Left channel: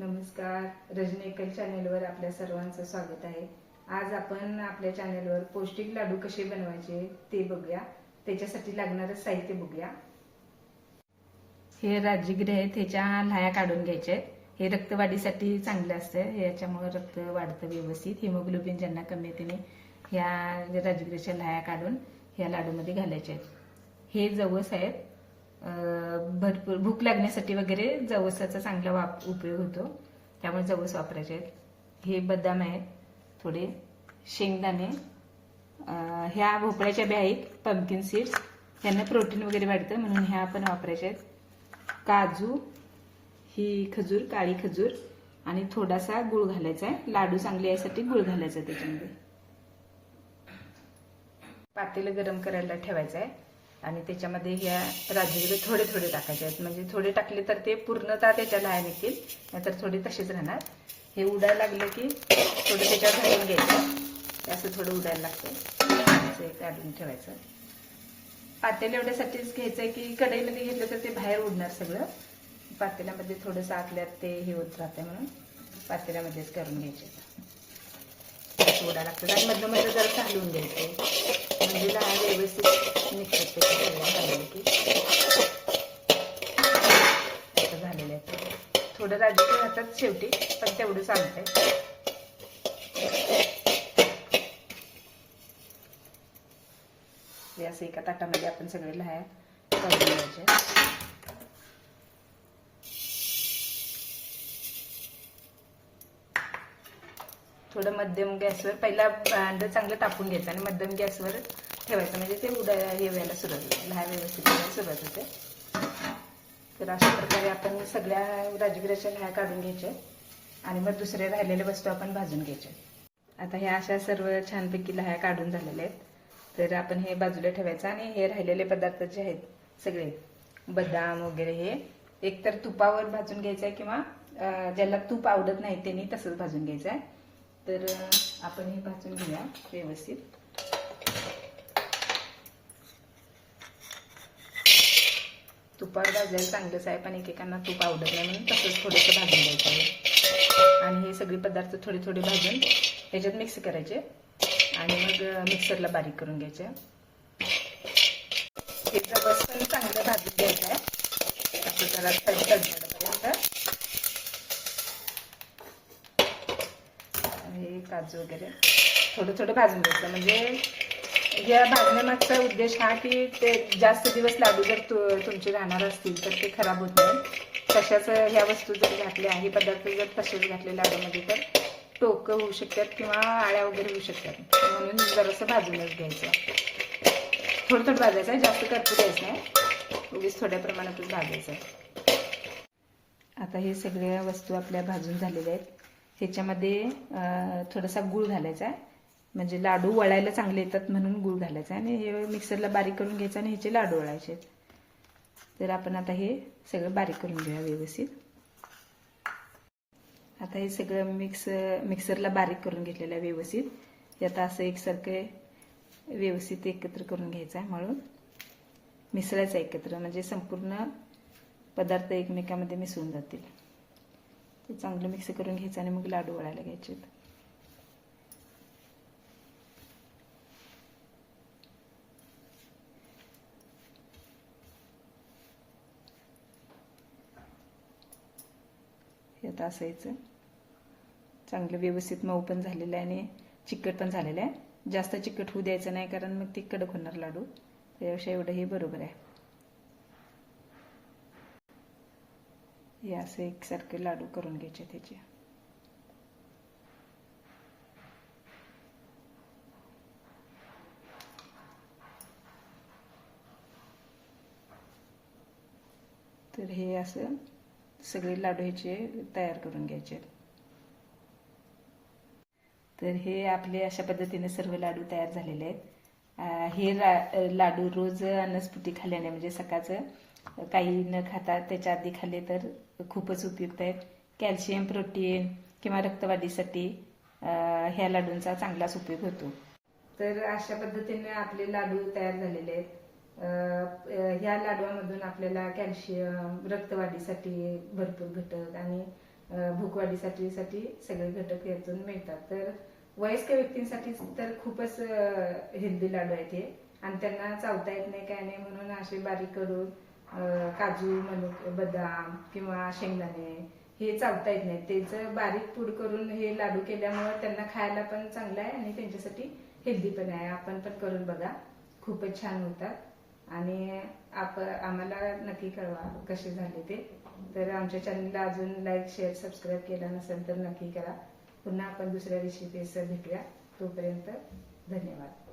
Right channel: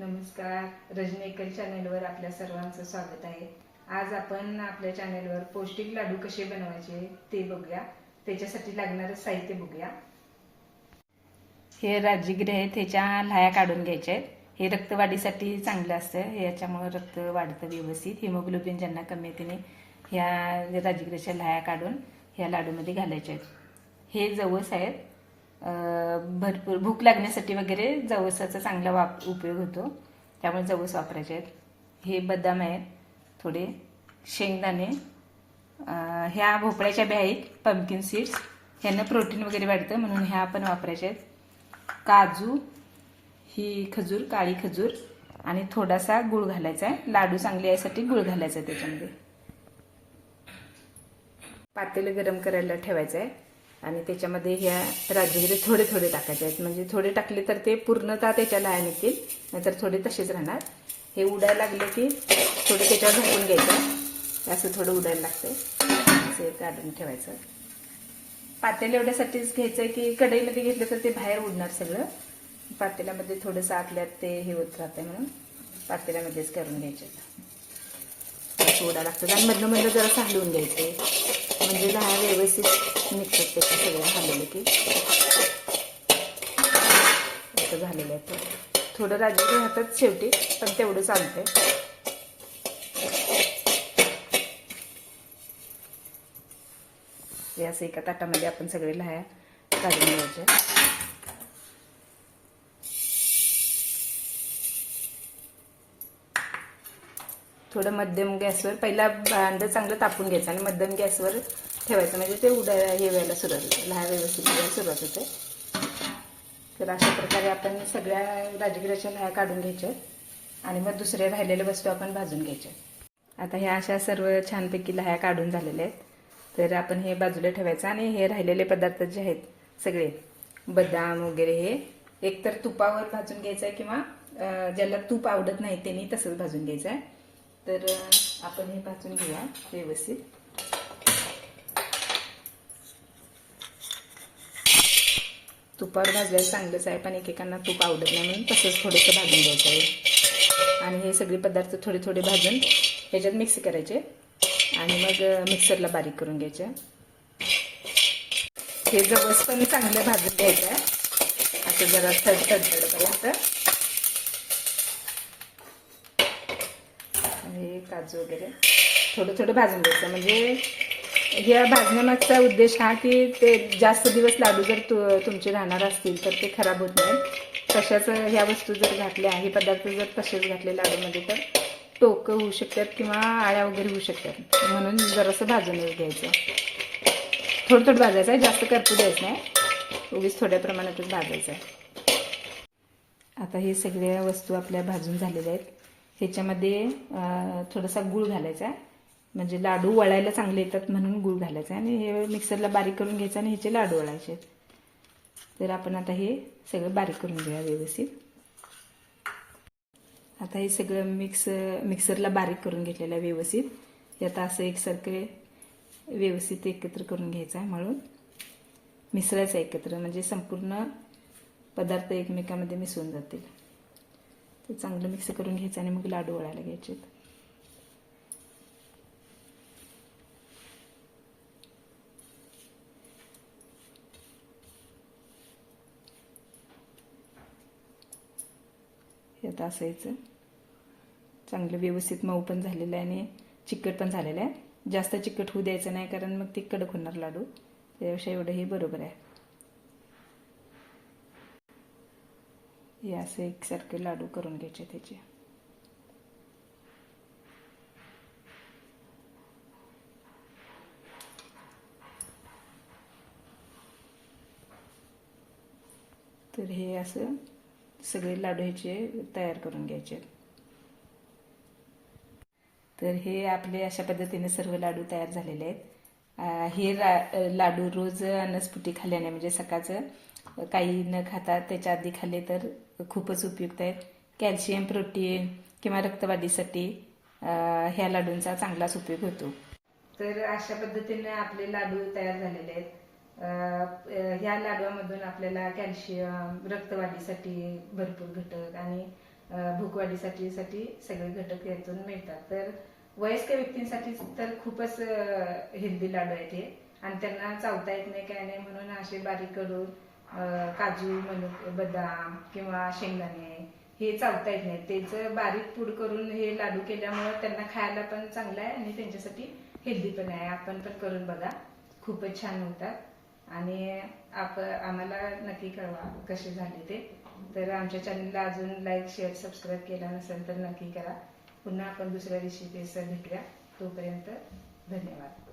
नमस्कार, रजनी एकल चॅनलवर आपल्या सर्वांचं स्वागत आहे। आज आपण आपल्या चॅनलवर पौष्टिक लाडू कसे बनवायचे ते बघूया। त्याच्यासाठी लागणारे साहित्य बघूया। हे राजगिरे आहेत, ह्याच्या लाह्या काढून घ्यायचे आहेत। हे रक्तवाढीसाठी चांगले असते, याच्यामुळे रक्त वाढतं व्यवस्थित। हिमोग्लोबिन ज्यांना कमी आहे त्याने ह्या राजगिऱ्याच्या लाह्या काढून ह्या लाडूमध्ये घालायचे आहेत। हे जवस आहेत, भरपूर भूक लागण्यासाठी वगैरे जवसाचा चांगला उपयोग होतो, त्यामुळे जवस वापरायचे आहेत। हे बदाम आहेत, थोडे शेंगदाणे, ह्या भोपळ्याच्या बिया आहेत, पंपकिन सीड्स, ह्यांना प्रोटीन वगैरे वाढतं म्हणून ह्या पण वापरायचे आहेत। काजू, ही खजूर, काळी खजूर आणि थोडासा गुळ घालायचा आहे। लाडू चांगले यासाठी गुळ घालायचा आहे त्याच्यामध्ये। पातेलं गरम करायला ठेवायचं आहे आणि त्याच्यामध्ये ह्या राजगिरे थोडे थोडे टाकायचे आहेत। म्हणजे थोडे टाकले तर ते पूर्णतः त्याच्या लाह्या निघतील, नाहीतर थोडे तसेच राहणार। हे उडायला लागले की थोडं त्याच्यावर घालून घ्यायचं, असं थोडं उडायला लागतं, असं काढून ठेवायचं। पातेलं एवढ्यासाठीच घ्यायचंय की कढईमध्ये घेतलं तर ते बाहेर उडणार सगळं। पातेल्यामध्ये थोडंसं आतल्यात ते हे होत राहते म्हणून पातेल्यामध्येच करून घ्यायचे। उडायला लागतं आणि मधलं मधलं जरा हलवून घ्यायचं, म्हणजे लाह्या व्यवस्थित निघतात ते सगळं झालेलं की। असं झालेलं आहे, थोडं राजगिरे राहतात शेवटी, पण तेवढं चालतंय। हे असं एका ताटामध्ये आपण सगळे लाह्या काढून घ्यायचे। थोडं मध्यम गॅसवर पहिला भांडं चांगलं तापून घ्यायचं आणि मध्यम गॅसवर ठेवायचं, म्हणजे ते हे व्हायला सुरुवात होते, लाह्या व्यवस्थित व्हायला सुरुवात होते। तर अशा प्रकारे आपण सगळ्या राजगिऱ्याच्या लाह्या काढून घ्यायच्या आणि मग दुसऱ्या राहिलेल्या वस्तू आपण भाजून घ्यायच्या। आता ह्या अशा सर्व छानपैकी लाह्या काढून झालेल्या आहेत, तर आपण हे बाजूला ठेवायचं आणि हे राहिलेले पदार्थ जे आहेत सगळे बदाम वगैरे हे एकतर तुपावर भाजून घ्यायचं आहे किंवा ज्याला तूप आवडत नाही त्यांनी तसंच भाजून घ्यायचं आहे। तर आपण हे भाजून घेऊया व्यवस्थित। तुपावर भाजल्याला चांगलंच आहे, पण एकेकांना तूप आवडत नाही म्हणून तसंच थोडंसं भाजून घ्यायचं आहे। आणि हे सगळे पदार्थ थोडे थोडे भाजून ह्याच्यात मिक्स करायचे आणि मग मिक्सरला बारीक करून घ्यायचे। हे जवस पण चांगलं भाजून घ्यायचं आहे, असं जरा तडतडपर्यंत। हे काजू वगैरे थोडं थोडं भाजून घ्यायचं, म्हणजे या भाजण्यामागचा उद्देश हा की ते जास्त दिवस लाडू जर तुमचे राहणार असतील तर ते खराब होत नाही। तशाच ह्या वस्तू जर घातल्या, हे पदार्थ जर तसेच घातले लाडूमध्ये तर टोकं होऊ शकतात किंवा आळ्या वगैरे होऊ शकतात, म्हणून जरासं भाजून घ्यायचं। थोडं थोडं भाजायचं आहे, जास्त करपू द्यायचं नाही, उगीच थोड्या प्रमाणातच भाजायचं आहे। आता हे सगळ्या वस्तू आपल्या भाजून झालेल्या आहेत, ह्याच्यामध्ये थोडासा गूळ घालायचा आहे, म्हणजे लाडू वळायला चांगले येतात म्हणून गूळ घालायचा आहे। आणि हे मिक्सरला बारीक करून घ्यायचं आणि ह्याचे लाडू वळायचे। तर आपण आता हे सगळं बारीक करून घेऊया व्यवस्थित। आता हे सगळं मिक्सरला बारीक करून घेतलेलं आहे व्यवस्थित। हे आता असं एकसारखं व्यवस्थित एकत्र करून घ्यायचं आहे, म्हणून मिसळायचं एकत्र, म्हणजे संपूर्ण पदार्थ एकमेकांमध्ये मिसळून जातील। ते चांगलं मिक्स करून घ्यायचं आणि मग लाडू वळायला घ्यायचे। हे आता असायचं चांगलं व्यवस्थित मऊ पण झालेलं आहे आणि चिकट पण झालेलं आहे। जास्त चिकट होऊ द्यायचं नाही, कारण मग ती कडक होणार लाडू, त्यापेक्षा एवढं हे बरोबर आहे। हे असं एकसारखे लाडू करून घ्यायचे त्याचे। तर हे असं सगळे लाडू ह्याचे तयार करून घ्यायचे। तर हे आपले अशा पद्धतीने सर्व लाडू तयार झालेले आहेत। हे लाडू रोज अन्नस्फूर्ती खाल्ल्याने, म्हणजे सकाळचं काही न खाता त्याच्या आधी खाल्ले तर खूपच उपयुक्त आहेत। कॅल्शियम, प्रोटीन किंवा रक्तवाढीसाठी ह्या लाडूंचा चांगलाच उपयोग होतो। तर अशा पद्धतीने आपले लाडू तयार झालेले आहेत। ह्या लाडूमधून आपल्याला कॅल्शियम, रक्तवाढीसाठी भरपूर घटक आणि भूक भूकवाढीसाठी सगळे घटक यातून मिळतात. तर वयस्कर व्यक्तींसाठी तर खूपच हेल्दी लाडू आहेत हे, आणि त्यांना चावता येत नाही काय नाही म्हणून असे बारीक करून काजू, मनुके, बदाम किंवा शेंगदाणे हे चावता येत नाही, त्याचं बारीक पूड करून हे लाडू केल्यामुळे त्यांना खायला पण चांगलं आहे आणि त्यांच्यासाठी हेल्दी पण आहे. आपण पण करून बघा, खूपच छान होतात. आणि आम्हाला नक्की कळवा कसे झाले ते. तर आमच्या चॅनलला अजून लाईक, शेअर, सबस्क्राईब केला नसेल तर नक्की करा. पुन्हा आपण दुसऱ्या रेसिपीसह भेटूया. तोपर्यंत धन्यवाद.